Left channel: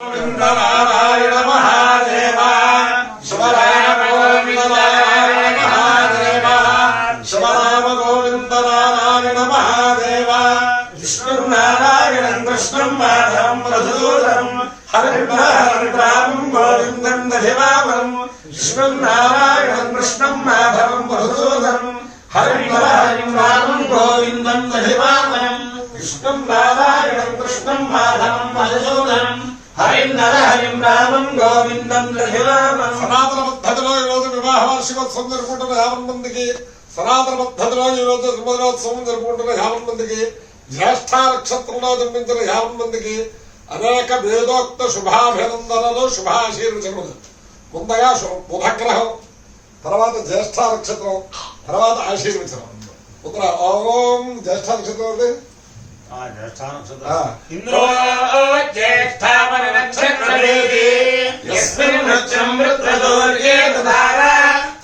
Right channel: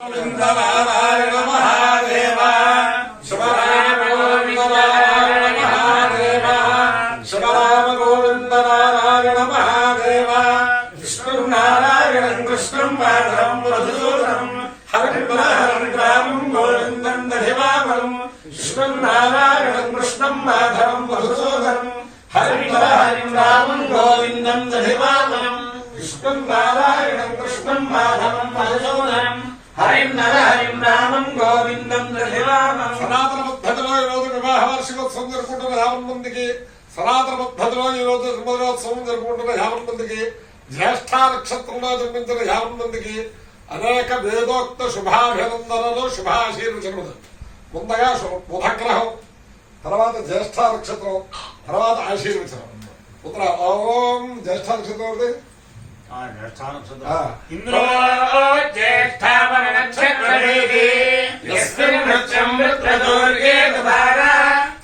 नारायण महादेव शिवराम गोविंद नारायण महादेव शिवराम गोविंद नारायण महादेव विष्णु नारायण कृष्ण माधवं मधुसूदनं हरिं रामं गोविंदं दधिवामं विष्णु नारायण कृष्ण माधवं मधुसूदनं हरिं रामं गोविंदं दधिवामं विष्णु नारायण कृष्ण माधवं मधुसूदनं हरिं रामं गोविंदं दधिवामं సనాతన పద్ధతిలో ఈ రోజు వివాహ వార్షికోత్సవం జరుపుకుంటున్న 50 మందికి సనాతన పద్ధతిలో ఈ రోజు ధర్మదినోత్సవం జరుపుకుంటున్న 50 మందికి జ్యేష్ఠ నక్షత్రంలో జన్మించిన 50 మందికి అనేక వేదోక్త శుభాభినందనలు శుభాశీర్వచనములు. ముందుగా బుధగ్రహం, తర్వాత జ్యేష్ఠ నక్షత్రం, తర్వాత ఆశీర్వచనం. పుత్ర ఓం జ్యేష్ఠ నక్షత్రం इंद्रो ज्येष्ठावर नक्षत्रवेदी यस्मिन् वृक्षं वृत्रदुर्गे ददारा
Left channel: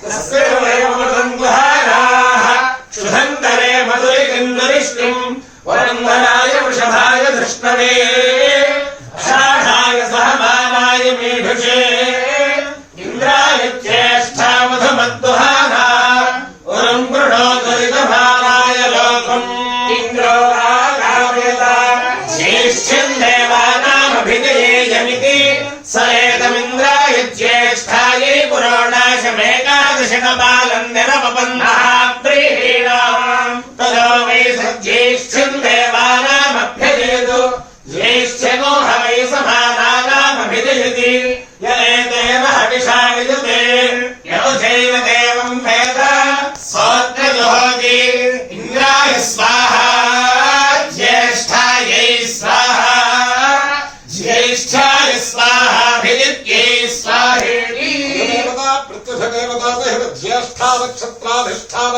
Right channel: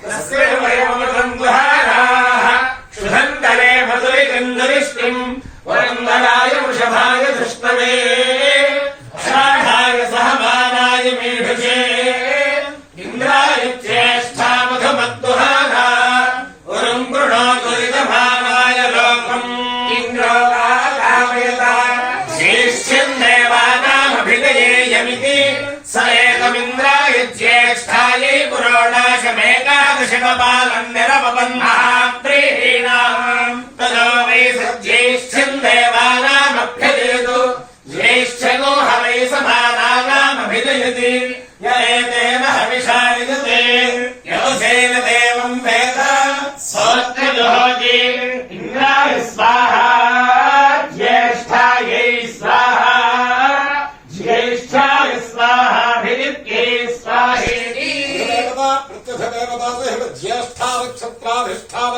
तस्य वयमृतं गुहाराः क्षुधन्तरे मधुरिकन्दरिष्टिं वरन्दराय वृषभाय धृष्णवे अषाढाय सहमानाय मेढुषे इन्द्राय ज्येष्ठा मधुमद्दुहारा वरुं गृणो दुरितभाराय लोकम् इन्द्रो देवानामभिधेयमिति स एतमिन्द्राय ज्येष्ठायै पुरोडाशमेकादशकपालं निरपबन्धाप्रीहीणाम् ततो वै सज्येष्ठ्यम् देवानामभ्यजयतु ज्येष्ठ्यगो ह वै समानानामभिधयति य एतेन हविषा विदते यौसेन देवं वेद सोऽत्रजुहोति इन्द्राय स्वाहा ज्येष्ठायै स्वाहा ज्येष्ठाय स्वाहाभिदित्यै स्वाहेति देवता प्रत्यक्षदेवता सहित ज्येष्ठा नक्षत्राधिष्ठान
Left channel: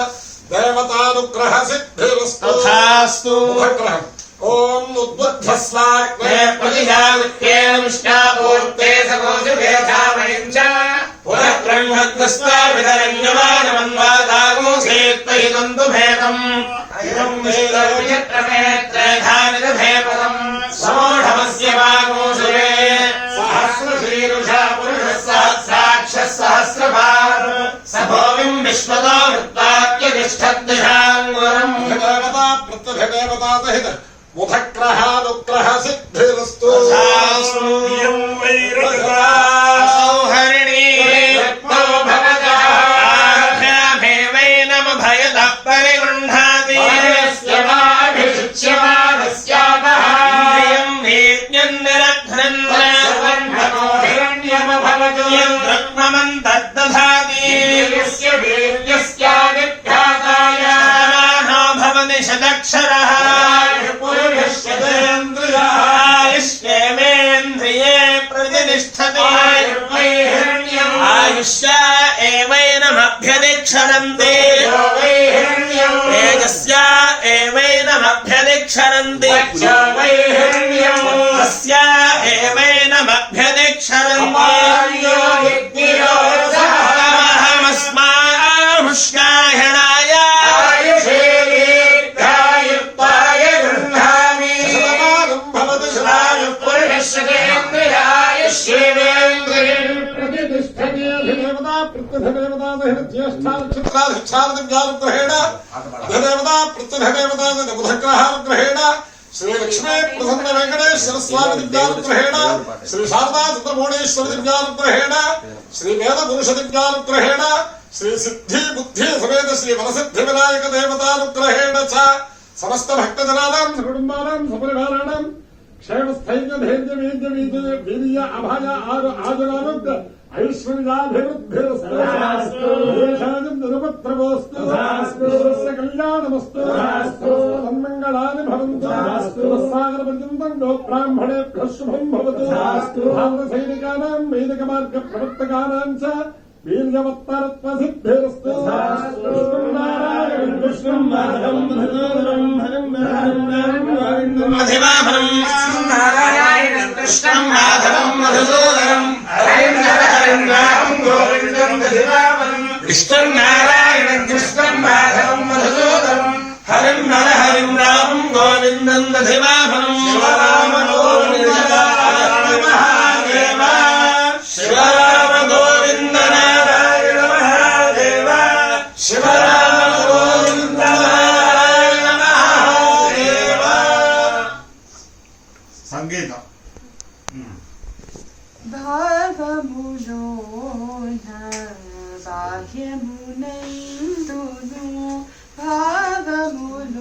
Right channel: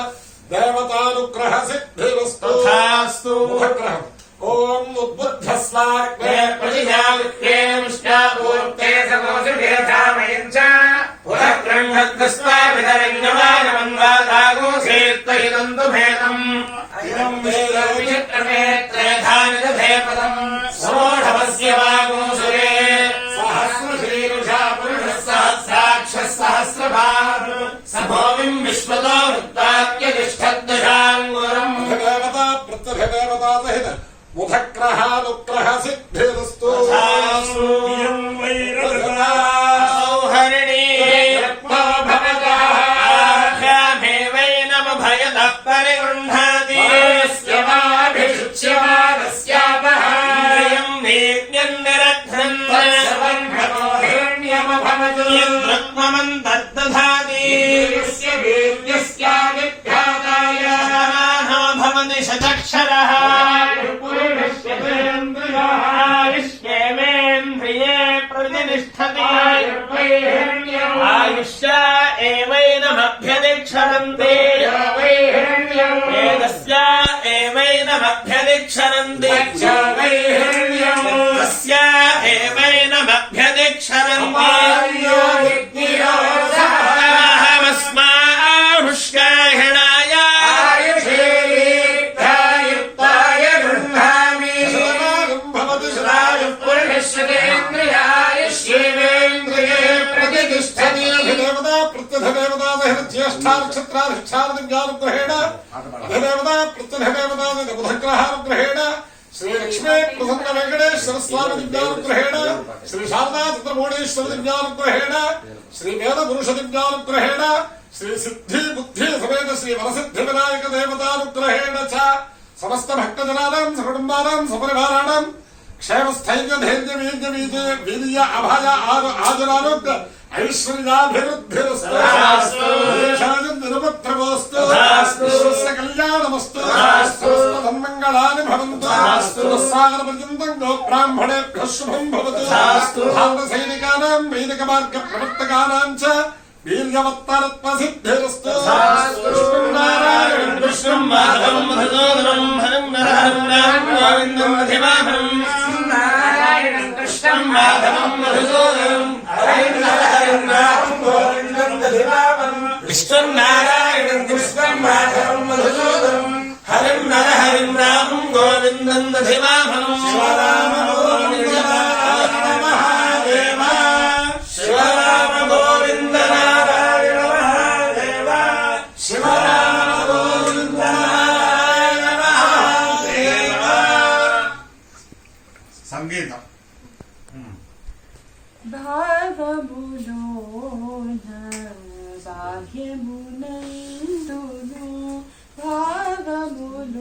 देवतानुग्रह सिद्धिरस्तु तथास्तु. मुखग्रहम् ओम उद्बुद्धस्वाग्ने प्रतिजाविष्टापूर्ते समोषुभेधामयञ्च पुनः ब्रह्मग्रस्ताभिधरञ्जमानमन्वादागोषेत्तैदं तु भेदम् इदं वेदविचित्रमेत्रेधानिदधेपदम् समोढमस्य वागोऽसुरे सहस्रशीर्षा पुरुषः सहस्राक्षः सहस्रभाग स भूमिम् विश्वतो वृत्तात्यतिष्ठद्दशाङ्गुरम्. देवता प्रत्यक्षदेवता सहित मुखग्रहानुग्रह सिद्धिरस्तु सौहरिणी रत्नो भवतः आभ्यामेवैनम भयतः परिगृह्णाति स्यवाभिषिच्यमानस्यापः इन्द्रियं वेद्यं निरघ्नन् हिरण्यम भवतु यद्रत्नमन्तर्दधाति यस्य वेद्यस्यादिभ्याताय समानो भवति शतक्षरः आयुष्येवेन्द्रिये प्रतिष्ठति आयुष्या एवैनमभ्यदिक्षरन्ति तेजस्या एवैनमभ्यदिक्षरन्ति तस्या एवैनमभ्यदिक्षरन्ति अहमस्माहुष्याहिणाय बुधग्रहानुग्रहेण श्री लक्ष्मी प्रसन्न वेंकटेश्वर स्वामी दिव्यानुग्रहेण श्री शारदा चंद्रमौळीश्वर दिव्यानुग्रहेण श्री वेद पुरुष दिव्यानुग्रहेण श्री सिद्धि बुद्धि समेत श्री वरसिद्धि विनायक देवतानुग्रहेण च समस्त भक्तजनानां सकुटुम्बानां सपरिवाराणां क्षेमस्थैर्य धैर्य वीर्य वीर्य अभय आजुरारोग्य ऐश्वर्याभिवृद्धिरस्तु दिनपत्रगोस्तु विश्वस्य कल्याणमस्तु तन्मङ्गलानि भवन्तु सागरपर्यन्तं गोब्राह्मणेभ्यः शुभं भवतु भारतसैनिकानां वैदिकमार्गप्रवर्तकानां च वीर्यवत्तरत्वसिद्धिरस्तु नारायणं कृष्णं माधवं मधुसूदनं हरिं गोविन्दं दधिवामं नारायणं कृष्णं माधवं मधुसूदनं हरिं रामं गोविन्दं दधिवामं विष्णुं नारायणं कृष्णं माधवं मधुसूदनं हरिं रामं गोविन्दं दधिवामं शिवराम गोविन्द భావములోన బాహ్యమునందును భావములోన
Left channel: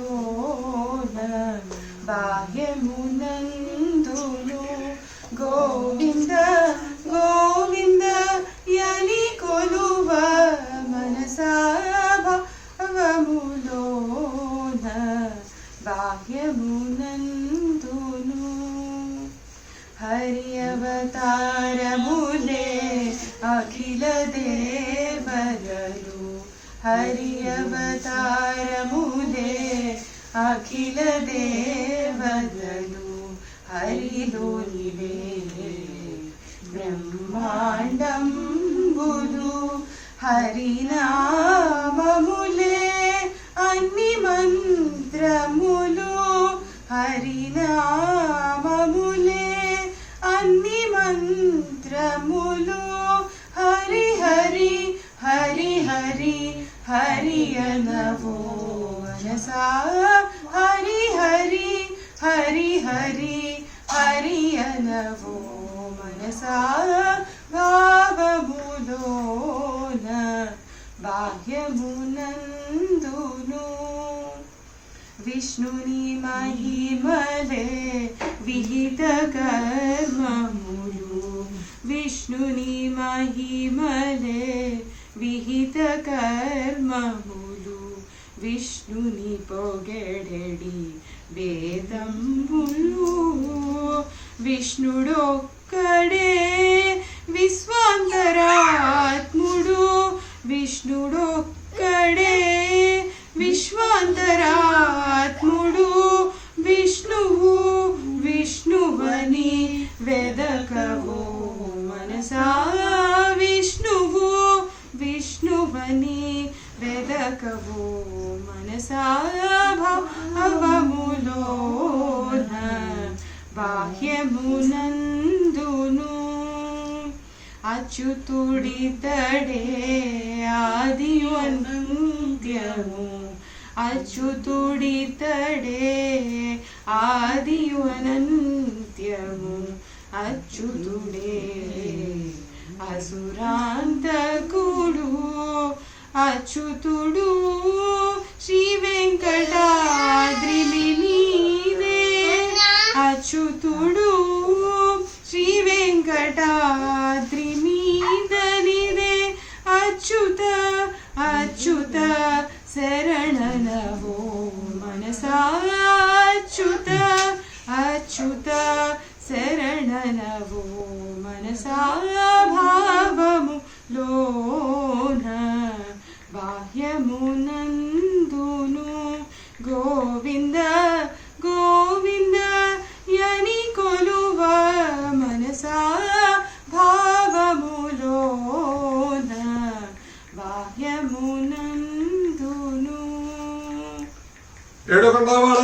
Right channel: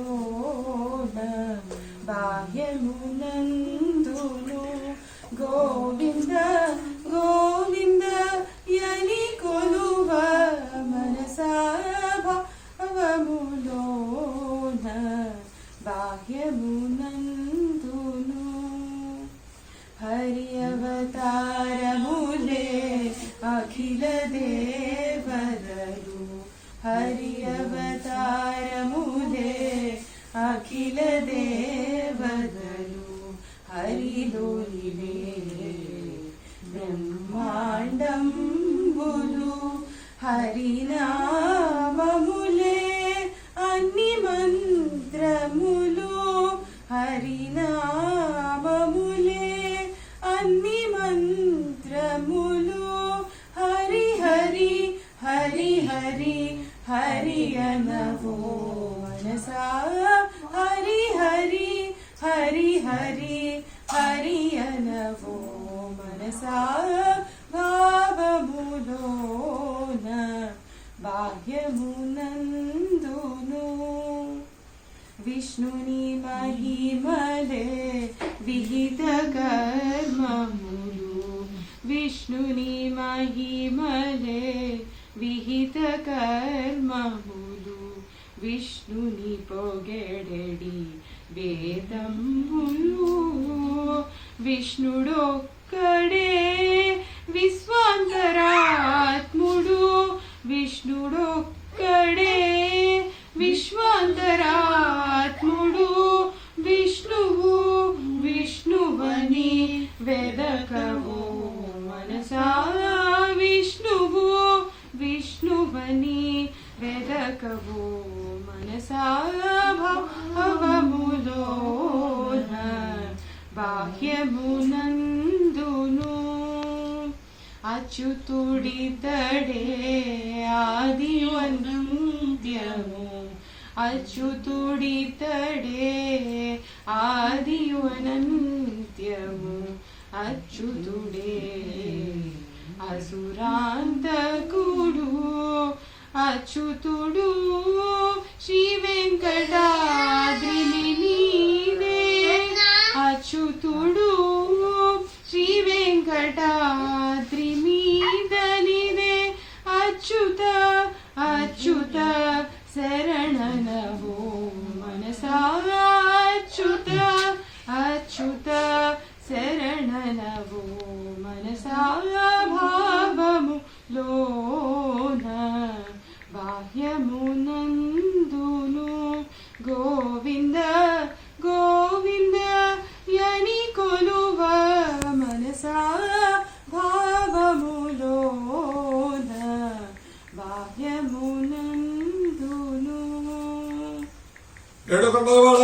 బాహ్యమునందును గోవింద గోవింద యని కొలువ మనసా భావములోన బాహ్యమునందును హరి అవతారములే అఖిల దేవతలు హరి అవతారములే అఖిల దేవతలు హరిలోనివే బ్రహ్మాండంబులు హరినామములే అన్ని మంత్రములు హరినామములే అన్ని మంత్రములు హరి హరి హరి హరి హరి అనవో మనసా హరి హరి హరి హరి హరి అనవో మనసా భావములోన బాహ్యమునందును విష్ణుని మహిమలే విహిత కర్మములు విష్ణుని మహిమలే విహిత కర్మములు విష్ణుని పొగడడి వేదములు విష్ణుడొక్కడే విశ్వాంతరాత్ముడు విష్ణుడొక్కడే విశ్వాంతరాత్ముడు విష్ణువు విష్ణువని వెదకవో మనసా విష్ణువు విష్ణువని వెదకవో మనసా భావములోన బాహ్యమునందును అచ్యుతుడితడే ఆదివంత్యము అచ్యుతుడితడే ఆదివనంత్యము అచ్యుతుడే అసురాంతకుడు అచ్యుతుడు శ్రీ వెంకటాద్రి నీవే అచ్యుతుడు శ్రీ వెంకటాద్రి నీవే అచ్యుత అచ్యుత శరణనవో మనసా అచ్యుత అచ్యుత శరణనవో మనసా భావములోన బాహ్యమునందును గోవింద గోవింద యని కొలువ మనసా భావములోన బాహ్యమునందును ఏడుకొండలవాడ